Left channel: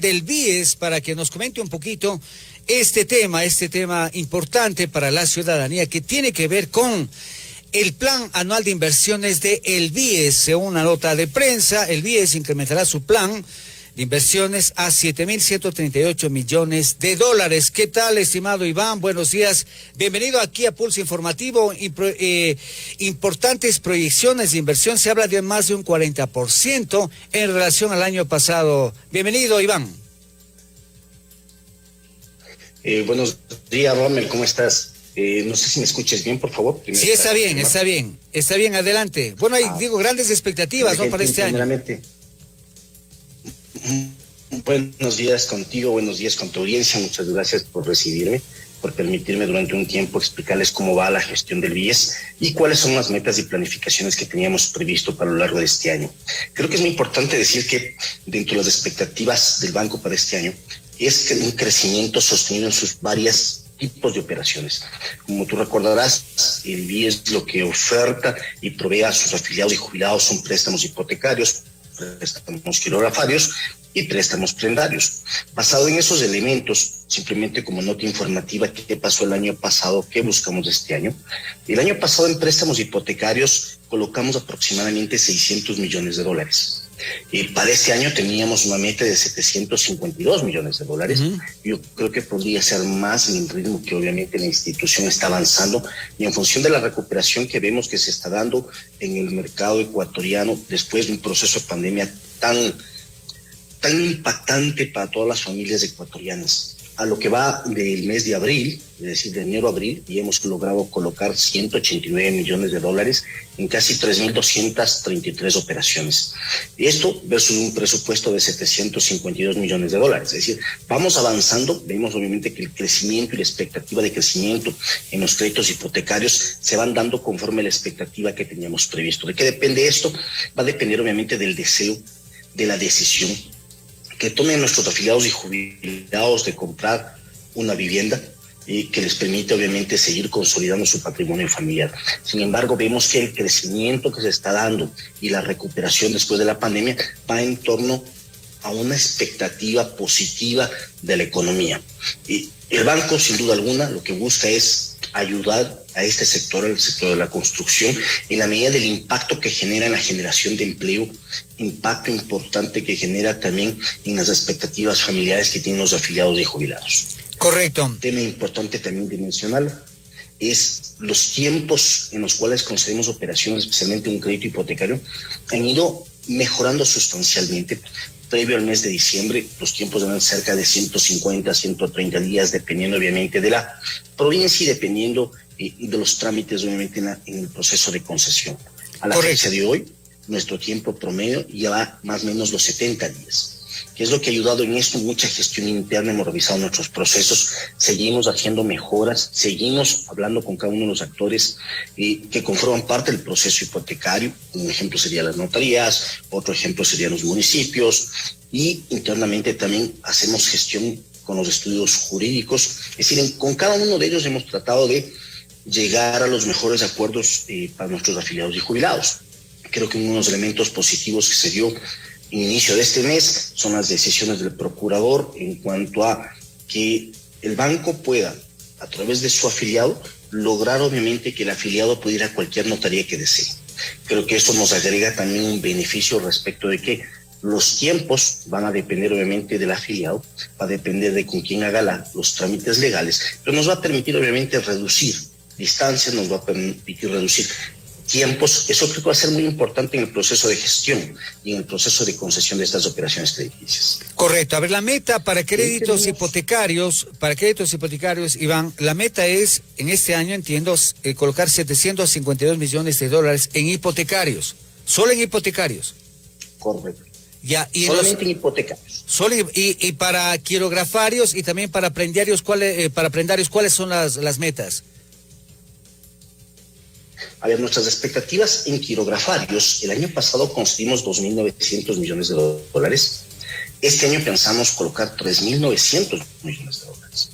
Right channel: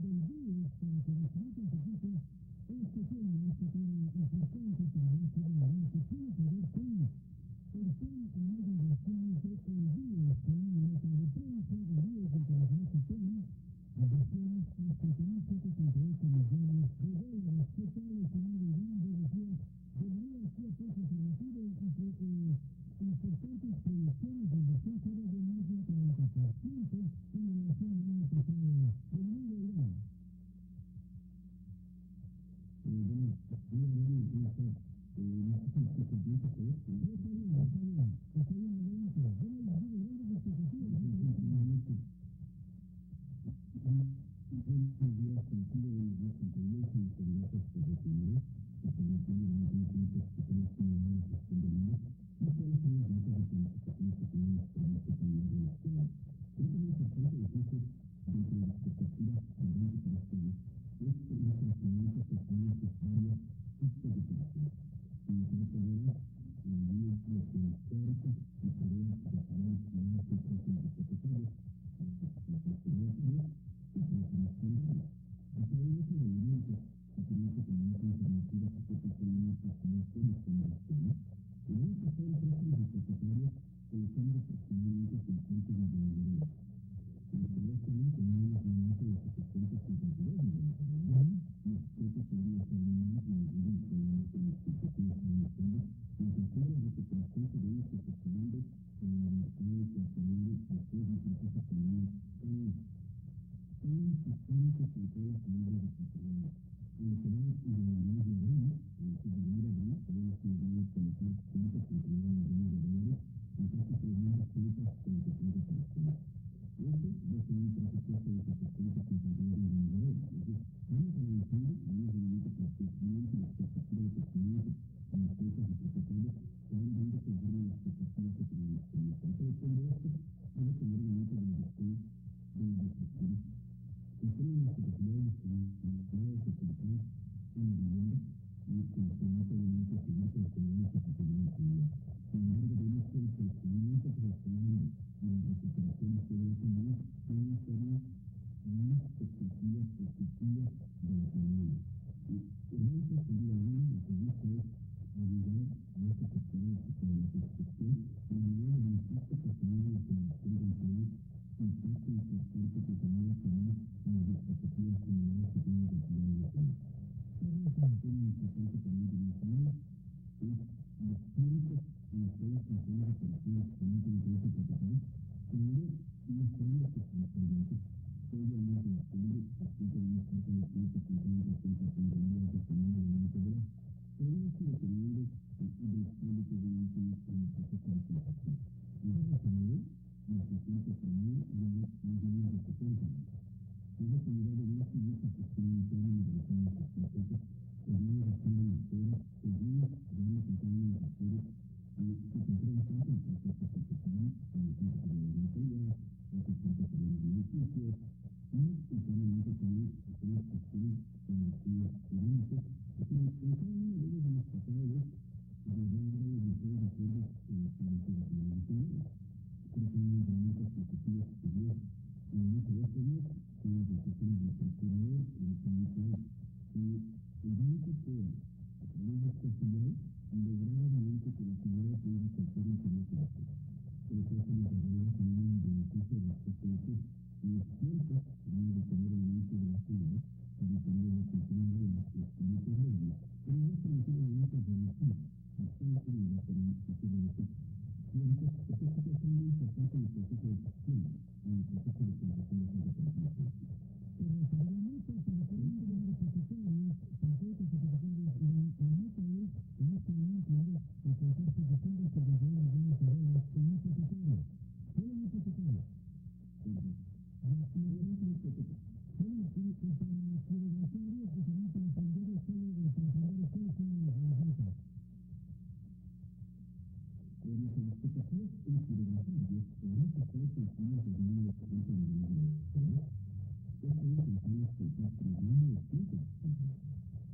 del BIES para que nos comente un poquito este tema importante para la ciudadanía que tiene que ver con el plan anual de inversiones de el BIES. Según una nota de prensa, el BIES incrementará su plan de inversiones a 7.138 millones de dólares. ¿Qué tal, estimado Iván? Buenos días. Bienvenido aquí a Pulso Informativo. Importantes proyecciones de inversión. Se habla de más de un 40% en relación al año pasado. Bienvenido, Iván. Buenos días, Rommel. ¿Cómo estás? No sé si me escuches bien, por favor. Sí, está bien, adelante. Bueno, hay, grandes expectativas, ¿no?, para este año. Buenos días contigo, buenos días con tu audiencia. Muchas gracias por recibirme, por permitirme durante un tiempo explicarles cómo va la gestión del BIES y cuáles son las metas y planificaciones que teníamos previsto para lo largo de este año. Creo que es muy importante decir que dentro de las expectativas del banco para este año es un crecimiento sostenido en sus varias tipos de operaciones. Como tú recordarás, el BIES lo que oferta y provee a sus afiliados y jubilados son préstamos hipotecarios, préstamos quirografarios y préstamos prendarios. Basado en esos elementos, simplemente como nota informativa, ¿qué pasó el año pasado? ¿Qué buscamos este año? El año pasado en préstamos hipotecarios colocamos aproximadamente 600 millones de dólares. Para este año teníamos una meta de 752 millones de dólares. Yo creo que podría ser más en el ritmo que obviamente la institución está avanzando y en función de la recuperación que vemos que se está dando en el mercado ecuatoriano después de un proceso de pandemia tan impactante para todas las familias ecuatorianas. A lo que va del mes de abril, es decir, de enero a abril, y hemos logrado colocar 189 millones de dólares en casi 3.233 operaciones. Y esto versus un presupuesto de 752 millones de dólares. Es decir, vamos avanzando, vemos obviamente que el crecimiento y la expectativa de crecimiento en los créditos hipotecarios se van dando conforme a la expectativa que teníamos previsto. ¿De qué depende esto? Va a depender obviamente del deseo, de la decisión que tomen nuestros afiliados y jubilados de comprar una vivienda y que les permite obviamente seguir consolidando su patrimonio familiar. Sin embargo, vemos que el crecimiento que se está dando y la recuperación después de la pandemia va en torno a una expectativa positiva de la economía. Y el banco, sin duda alguna, lo que busca es ayudar a este sector, el sector de la construcción, en la medida del impacto que genera en la generación de empleo, impacto importante que genera también en las expectativas familiares que tienen los afiliados y jubilados. Correcto. Un tema importante también de mencionar es los tiempos en los cuales concedemos operaciones, especialmente un crédito hipotecario, han ido mejorando sustancialmente. Previo al mes de diciembre, los tiempos eran cerca de 150, 130 días, dependiendo obviamente de la provincia y dependiendo de los trámites obviamente en el proceso de concesión. A la fecha de hoy, nuestro tiempo promedio ya va más o menos los 70 días. ¿Qué es lo que ha ayudado en esto? Mucha gestión interna, hemos revisado nuestros procesos, seguimos haciendo mejoras, seguimos hablando con cada uno de los actores que conforman parte del proceso hipotecario. Un ejemplo serían las notarías, otro ejemplo serían los municipios, y internamente también hacemos gestión con los estudios jurídicos. Es decir, con cada uno de ellos hemos tratado de llegar a los mejores acuerdos para nuestros afiliados y jubilados. Creo que uno de los elementos positivos que se dio en inicio de este mes son las decisiones del procurador en cuanto a que el banco pueda, a través de su afiliado, lograr obviamente que el afiliado pueda ir a cualquier notaría que desee. Creo que esto nos agrega también un beneficio respecto de que los tiempos van a depender obviamente del afiliado, va a depender de con quién haga los trámites legales, pero nos va a permitir obviamente reducir distancias, nos va a permitir reducir tiempos. Eso creo que va a ser muy importante en el proceso de gestión y en el proceso de concesión de estas operaciones crediticias. Correcto. A ver, la meta para créditos hipotecarios, Iván, la meta es, en este año, entiendo, colocar 752 millones de dólares en hipotecarios. Solo en hipotecarios. Correcto. Ya, y solamente en hipotecarios. Y para quirografarios y también para prendarios, ¿cuáles son las metas? A ver, nuestras expectativas en quirografarios, el año pasado conseguimos 2.900 millones de dólares. Este año pensamos colocar 3.900 millones de dólares.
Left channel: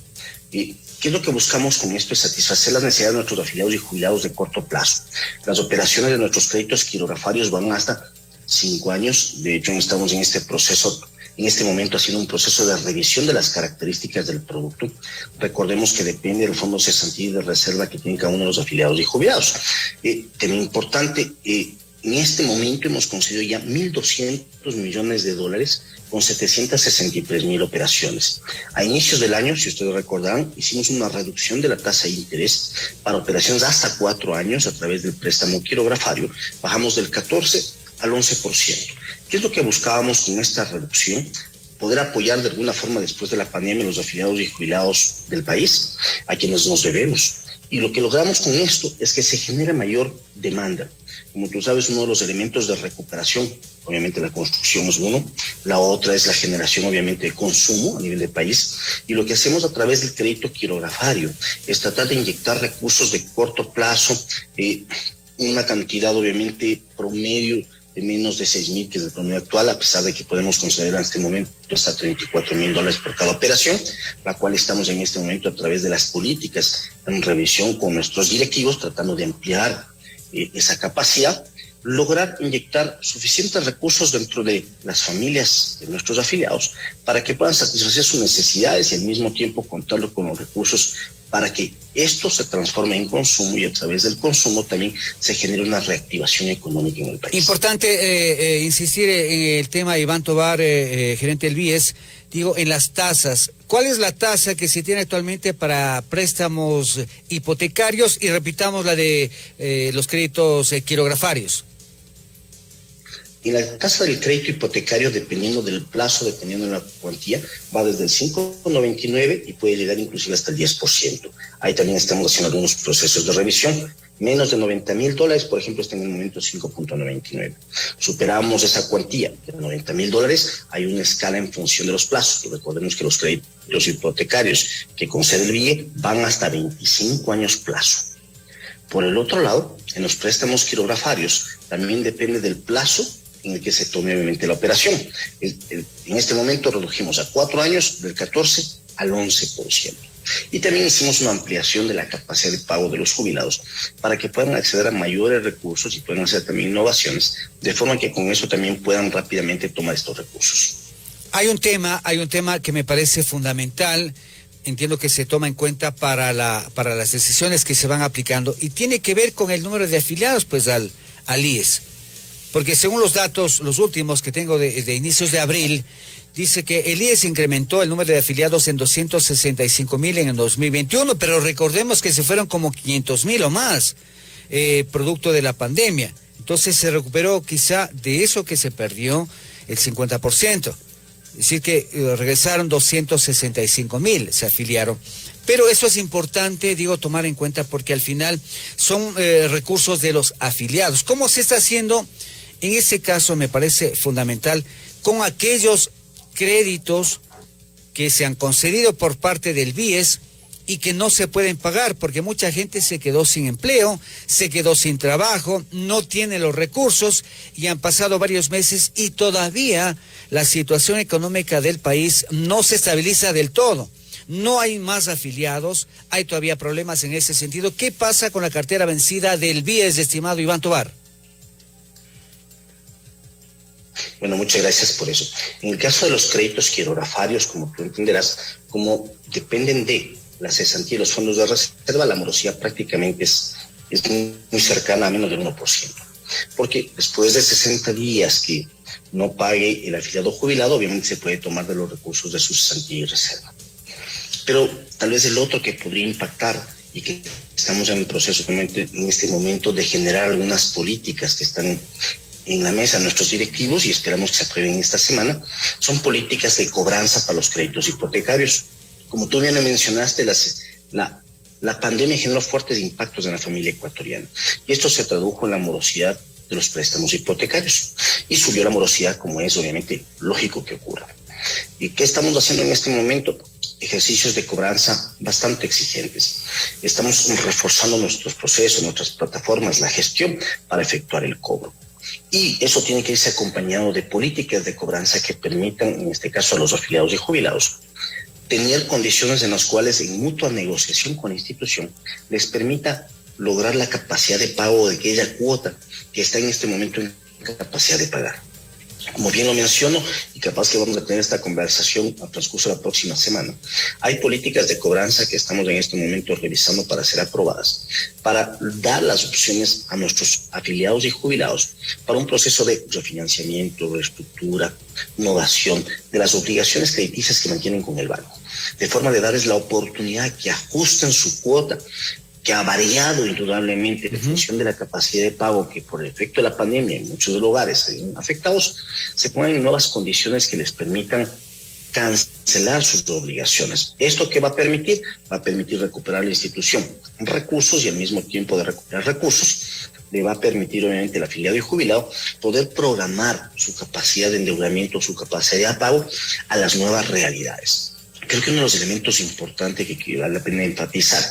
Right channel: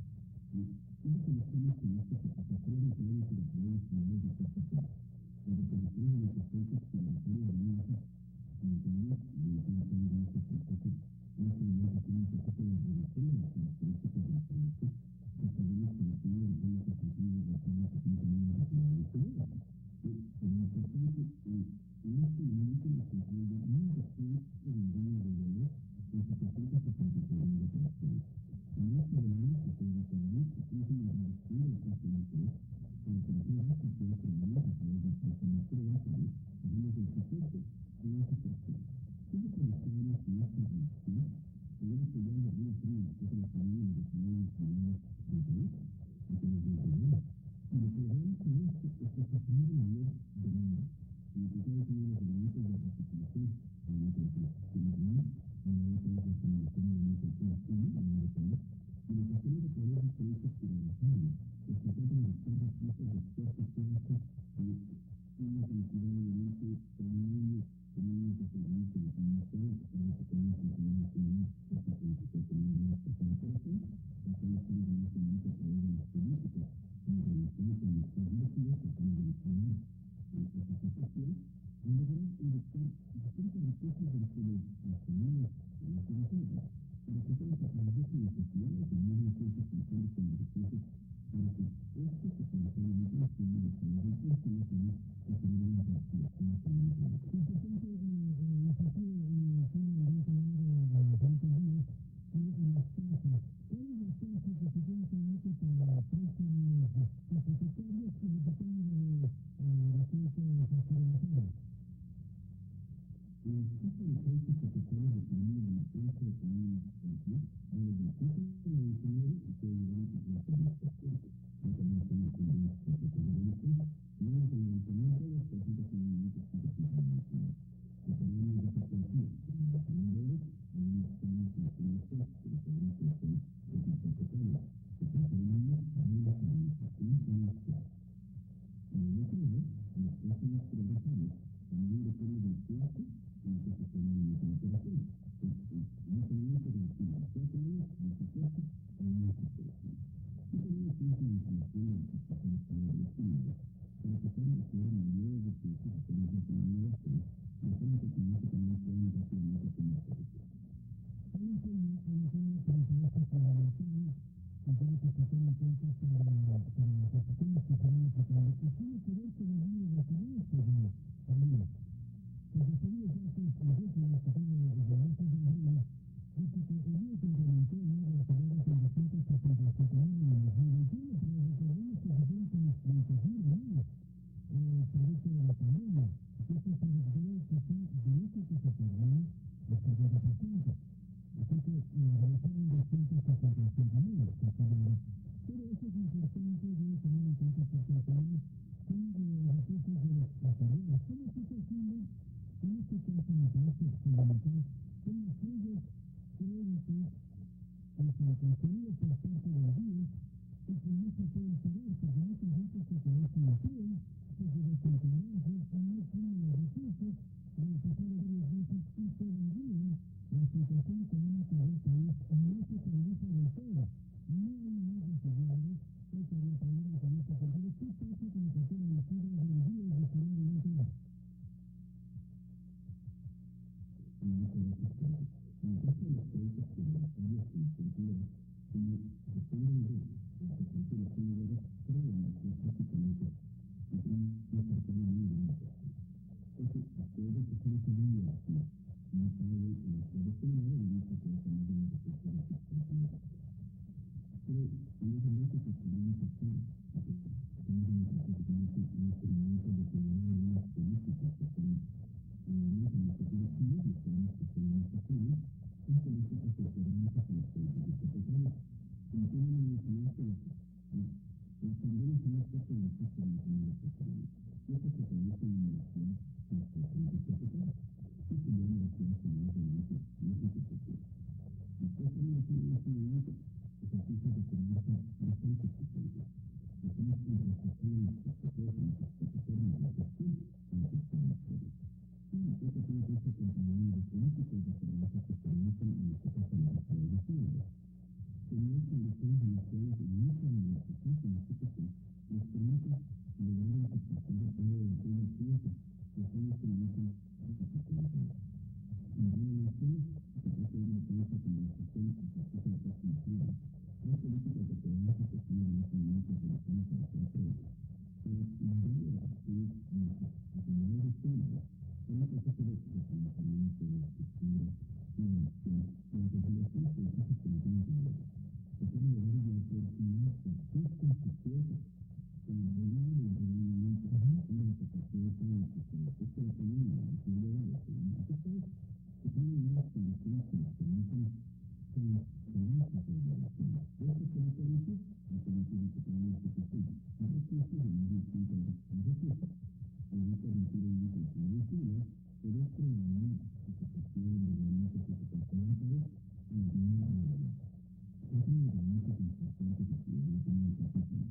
¿Y qué es lo que buscamos con esto? Es satisfacer las necesidades de nuestros afiliados y jubilados de corto plazo. Las operaciones de nuestros créditos quirografarios van hasta 5 años. De hecho, estamos en este proceso en este momento haciendo un proceso de revisión de las características del producto. Recordemos que depende del fondo de cesantía y de reserva que tienen cada uno de los afiliados y jubilados. Tema importante, en este momento hemos concedido ya 1.200 millones de dólares con 763.000 operaciones. A inicios del año, si ustedes recordarán, hicimos una reducción de la tasa de interés para operaciones hasta 4 años a través del préstamo quirografario. Bajamos del 14 al 11%. ¿Qué es lo que buscábamos con esta reducción? Poder apoyar de alguna forma después de la pandemia a los afiliados y jubilados del país, a quienes nos debemos. Y lo que logramos con esto es que se genera mayor demanda. Como tú sabes, uno de los elementos de recuperación, obviamente la construcción es uno, la otra es la generación obviamente de consumo a nivel del país, y lo que hacemos a través del crédito quirografario es tratar de inyectar recursos de corto plazo, una cantidad obviamente promedio de menos de 6.000, que es el promedio actual, a pesar de que podemos considerar en este momento hasta $34.000 por cada operación, la cual estamos en este momento a través de las políticas en revisión con nuestros directivos, tratando de ampliar esa capacidad, lograr inyectar suficientes recursos dentro de las familias de nuestros afiliados para que puedan satisfacer sus necesidades y al mismo tiempo contar con los recursos para que esto se transforme en consumo y a través del consumo también se genere una reactivación económica en el país. Importante insistir en el tema, Iván Tovar, gerente del BIES, digo, en las tasas. ¿Cuál es la tasa que se tiene actualmente para préstamos hipotecarios y repitamos la de los créditos quirografarios? Y la tasa del crédito hipotecario, dependiendo del plazo, dependiendo de la cuantía, va desde el 5,99 y puede llegar inclusive hasta el 10%. Ahí también estamos haciendo algunos procesos de revisión. Menos de $90.000, por ejemplo, está en el momento 5,99. Superamos esa cuantía de $90.000, hay una escala en función de los plazos. Y recordemos que los créditos hipotecarios que concede el BIE van hasta 25 años plazo. Por el otro lado, en los préstamos quirografarios también depende del plazo en el que se tome obviamente la operación. En este momento redujimos a 4 años del 14 al 11%. Y también hicimos una ampliación de la capacidad de pago de los jubilados para que puedan acceder a mayores recursos y puedan hacer también innovaciones, de forma que con eso también puedan rápidamente tomar estos recursos. Hay un tema que me parece fundamental, entiendo que se toma en cuenta para las decisiones que se van aplicando, y tiene que ver con el número de afiliados pues al IES. Porque según los datos, los últimos que tengo de inicios de abril, dice que el IES incrementó el número de afiliados en 265.000 en el 2021, pero recordemos que se fueron como 500.000 o más, producto de la pandemia. Entonces se recuperó quizá de eso que se perdió el 50%. Es decir que regresaron 265.000, se afiliaron. Pero eso es importante, digo, tomar en cuenta porque al final son recursos de los afiliados. ¿Cómo se está haciendo? En ese caso me parece fundamental con aquellos créditos que se han concedido por parte del BIES y que no se pueden pagar porque mucha gente se quedó sin empleo, se quedó sin trabajo, no tiene los recursos y han pasado varios meses y todavía la situación económica del país no se estabiliza del todo. No hay más afiliados, hay todavía problemas en ese sentido. ¿Qué pasa con la cartera vencida del BIES, estimado Iván Tovar? Bueno, muchas gracias por eso. En el caso de los créditos quirografarios, como tú entenderás, como dependen de la cesantía y los fondos de reserva, la morosidad prácticamente es muy cercana a menos del 1%. Porque después de 60 días que no pague el afiliado jubilado, obviamente se puede tomar de los recursos de su cesantía y reserva. Pero tal vez el otro que podría impactar y que estamos en el proceso en este momento de generar algunas políticas que están en la mesa nuestros directivos y esperamos que se aprueben esta semana, son políticas de cobranza para los créditos hipotecarios. Como tú bien mencionaste, la pandemia generó fuertes impactos en la familia ecuatoriana y esto se tradujo en la morosidad de los préstamos hipotecarios y subió la morosidad, como es obviamente lógico que ocurra. ¿Y qué estamos haciendo en este momento? Ejercicios de cobranza bastante exigentes. Estamos reforzando nuestros procesos, nuestras plataformas, la gestión para efectuar el cobro. Y eso tiene que irse acompañado de políticas de cobranza que permitan, en este caso a los afiliados y jubilados, tener condiciones en las cuales en mutua negociación con la institución les permita lograr la capacidad de pago de aquella cuota que está en este momento en capacidad de pagar. Como bien lo menciono, y capaz que vamos a tener esta conversación al transcurso de la próxima semana, hay políticas de cobranza que estamos en este momento revisando para ser aprobadas, para dar las opciones a nuestros afiliados y jubilados para un proceso de refinanciamiento, reestructura, innovación de las obligaciones crediticias que mantienen con el banco, de forma de darles la oportunidad que ajusten su cuota, que ha variado indudablemente en función de la capacidad de pago que por el efecto de la pandemia en muchos lugares afectados, se ponen en nuevas condiciones que les permitan cancelar sus obligaciones. ¿Esto qué va a permitir? Va a permitir recuperar la institución recursos y al mismo tiempo de recuperar recursos, le va a permitir obviamente al afiliado y jubilado poder programar su capacidad de endeudamiento, su capacidad de pago a las nuevas realidades. Creo que uno de los elementos importantes que vale la pena enfatizar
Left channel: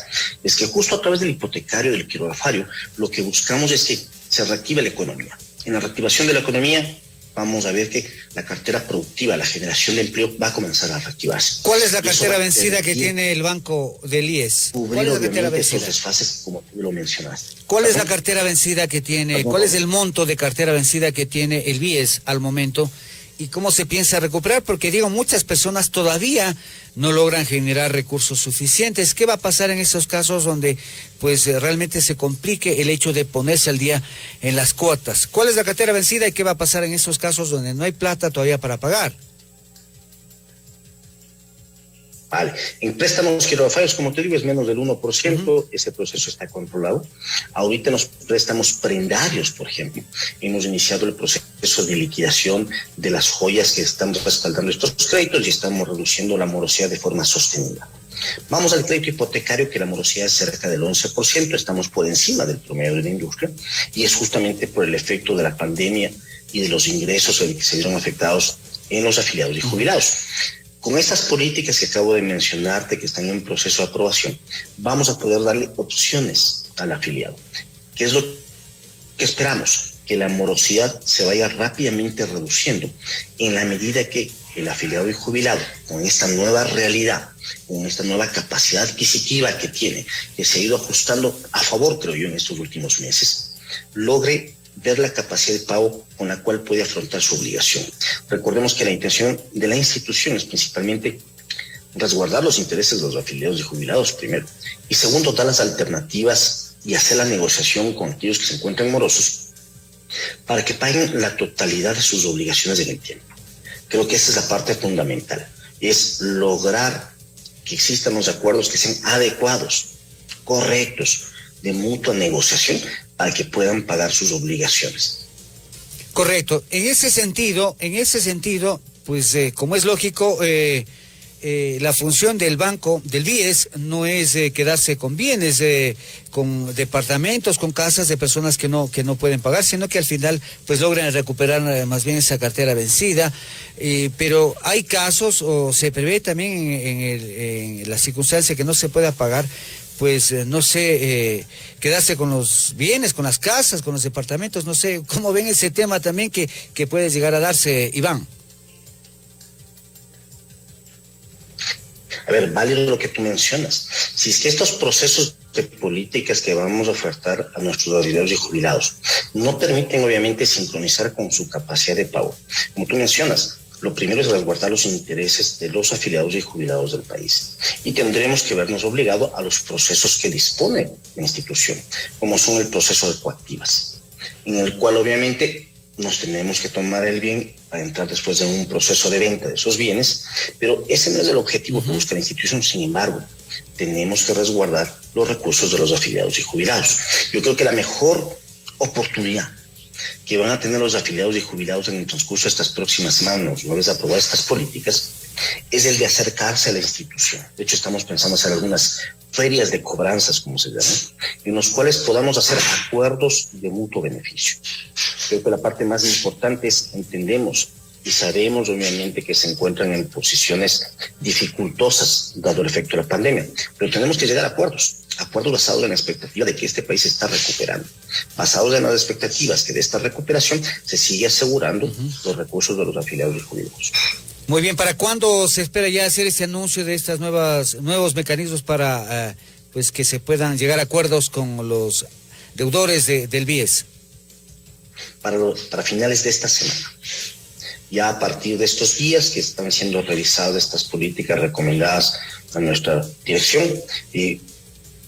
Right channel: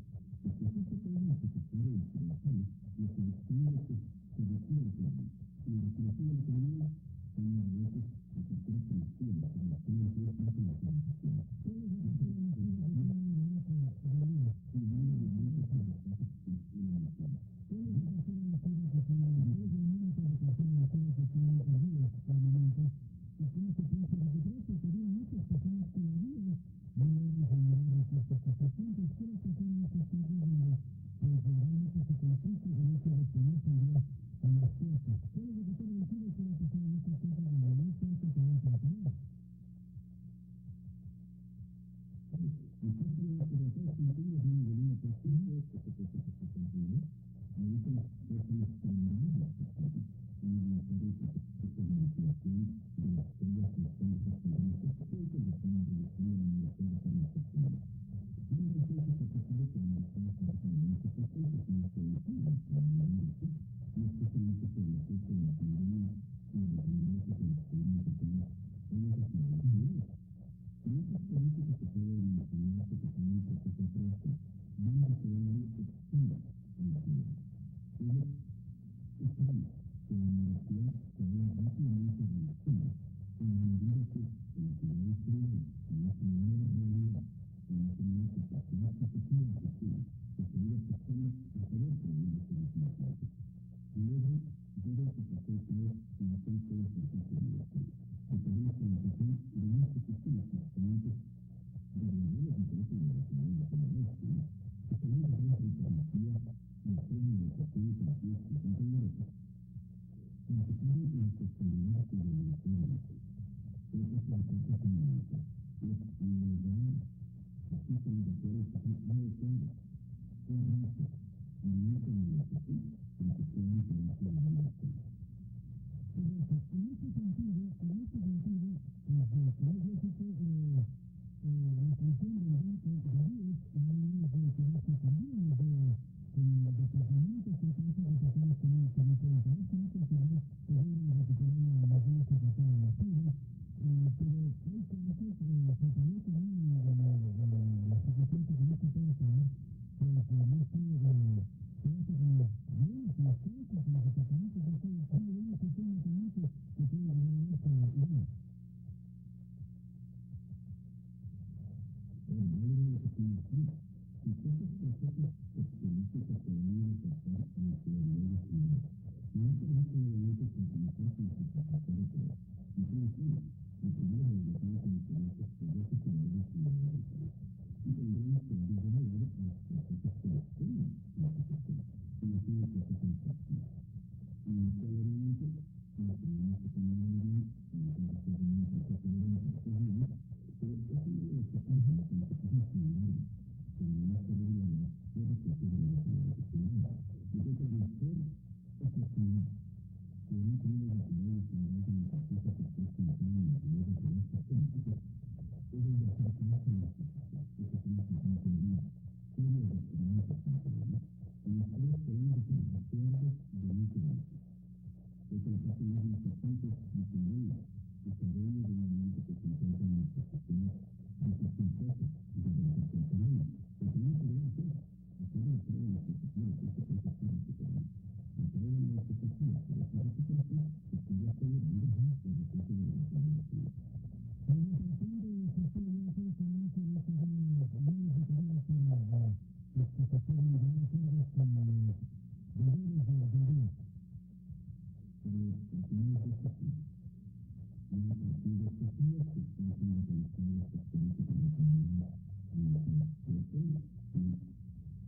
es que justo a través del hipotecario, del quirogafario, lo que buscamos es que se reactive la economía. En la reactivación de la economía vamos a ver que la cartera productiva, la generación de empleo va a comenzar a reactivarse. ¿Cuál es la cartera vencida que tiene el banco del IES? ¿Cuál es la cartera vencida? Esos desfases, como tú lo mencionaste. ¿Cuál es la cartera vencida que tiene? ¿Cuál es el monto de cartera vencida que tiene el BIES al momento? ¿Y cómo se piensa recuperar? Porque digo, muchas personas todavía no logran generar recursos suficientes. ¿Qué va a pasar en esos casos donde pues realmente se complique el hecho de ponerse al día en las cuotas? ¿Cuál es la cartera vencida y qué va a pasar en esos casos donde no hay plata todavía para pagar? Vale, en préstamos quirografarios, como te digo, es menos del 1%, ese proceso está controlado. Ahorita en los préstamos prendarios, por ejemplo, hemos iniciado el proceso de liquidación de las joyas que estamos respaldando estos créditos y estamos reduciendo la morosidad de forma sostenida. Vamos al crédito hipotecario, que la morosidad es cerca del 11%, estamos por encima del promedio de la industria, y es justamente por el efecto de la pandemia y de los ingresos que se vieron afectados en los afiliados y jubilados. Con estas políticas que acabo de mencionarte, que están en proceso de aprobación, vamos a poder darle opciones al afiliado. ¿Qué es lo que esperamos? Que la morosidad se vaya rápidamente reduciendo en la medida que el afiliado y jubilado, con esta nueva realidad, con esta nueva capacidad adquisitiva que tiene, que se ha ido ajustando a favor, creo yo, en estos últimos meses, logre ver la capacidad de pago con la cual puede afrontar su obligación. Recordemos que la intención de la institución es principalmente resguardar los intereses de los afiliados y jubilados, primero, y segundo, dar las alternativas y hacer la negociación con aquellos que se encuentran morosos para que paguen la totalidad de sus obligaciones en el tiempo. Creo que esa es la parte fundamental, es lograr que existan los acuerdos que sean adecuados, correctos, de mutua negociación, para que puedan pagar sus obligaciones. Correcto. En ese sentido, pues como es lógico, la función del banco, del BIES, no es quedarse con bienes, con departamentos, con casas de personas que no pueden pagar, sino que al final pues logran recuperar más bien esa cartera vencida. Pero hay casos, o se prevé también en la circunstancia que no se pueda pagar, pues no sé, quedarse con los bienes, con las casas, con los departamentos, no sé, ¿cómo ven ese tema también que puede llegar a darse, Iván? A ver, vale lo que tú mencionas. Si es que estos procesos de políticas que vamos a ofertar a nuestros afiliados y jubilados no permiten obviamente sincronizar con su capacidad de pago, como tú mencionas, lo primero es resguardar los intereses de los afiliados y jubilados del país. Y tendremos que vernos obligados a los procesos que dispone la institución, como son el proceso de coactivas, en el cual obviamente nos tenemos que tomar el bien para entrar después en un proceso de venta de esos bienes, pero ese no es el objetivo que busca la institución. Sin embargo, tenemos que resguardar los recursos de los afiliados y jubilados. Yo creo que la mejor oportunidad que van a tener los afiliados y jubilados en el transcurso de estas próximas semanas, una vez aprobadas estas políticas, es el de acercarse a la institución. De hecho, estamos pensando hacer algunas ferias de cobranzas, como se llaman, en los cuales podamos hacer acuerdos de mutuo beneficio. Creo que la parte más importante es entendemos y sabemos obviamente que se encuentran en posiciones dificultosas dado el efecto de la pandemia, pero tenemos que llegar a acuerdos basados en la expectativa de que este país se está recuperando, basados en las expectativas que de esta recuperación se sigue asegurando los recursos de los afiliados y jubilados. Muy bien, ¿para cuándo se espera ya hacer ese anuncio de estas nuevos mecanismos para pues que se puedan llegar a acuerdos con los deudores del BIES? Para finales de esta semana. Ya a partir de estos días que están siendo revisadas estas políticas recomendadas a nuestra dirección, y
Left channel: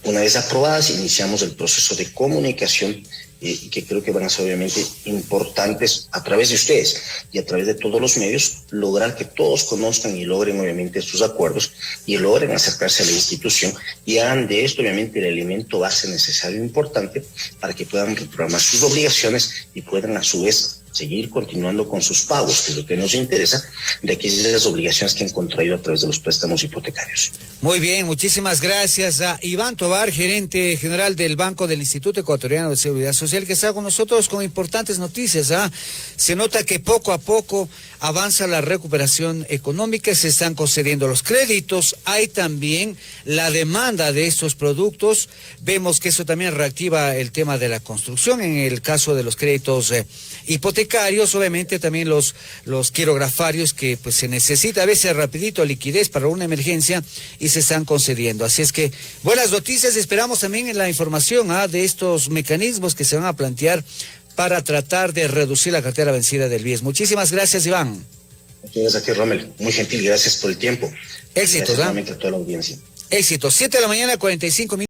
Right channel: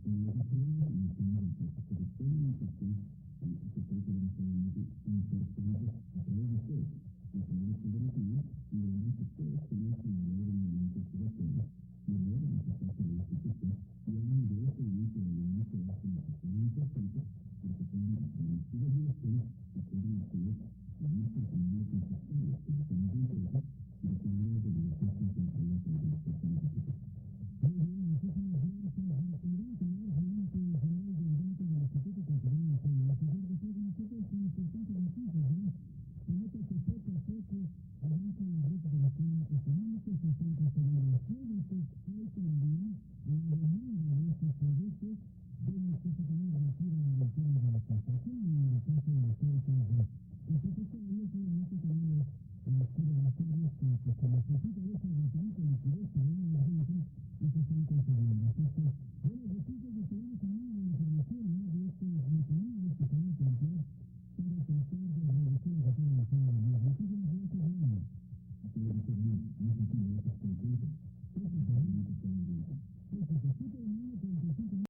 una vez aprobadas, iniciamos el proceso de comunicación que creo que van a ser obviamente importantes a través de ustedes y a través de todos los medios, lograr que todos conozcan y logren obviamente estos acuerdos y logren acercarse a la institución y hagan de esto obviamente el elemento base necesario e importante para que puedan reprogramar sus obligaciones y puedan a su vez seguir continuando con sus pagos, que es lo que nos interesa, de aquellas obligaciones que han contraído a través de los préstamos hipotecarios. Muy bien, muchísimas gracias a Iván Tovar, gerente general del Banco del Instituto Ecuatoriano de Seguridad Social, que está con nosotros con importantes noticias. Se nota que poco a poco avanza la recuperación económica, se están concediendo los créditos, hay también la demanda de estos productos, vemos que eso también reactiva el tema de la construcción, en el caso de los créditos hipotecarios, obviamente también los quirografarios que pues se necesita a veces rapidito liquidez para una emergencia y se están concediendo. Así es que buenas noticias, esperamos también en la información de estos mecanismos que se van a plantear para tratar de reducir la cartera vencida del BIES. Muchísimas gracias, Iván. Muchas gracias a ti, Rommel. Muy gentil, gracias por el tiempo. Éxitos, gracias a toda la audiencia. Éxitos. 7 de la mañana, 45 minutos.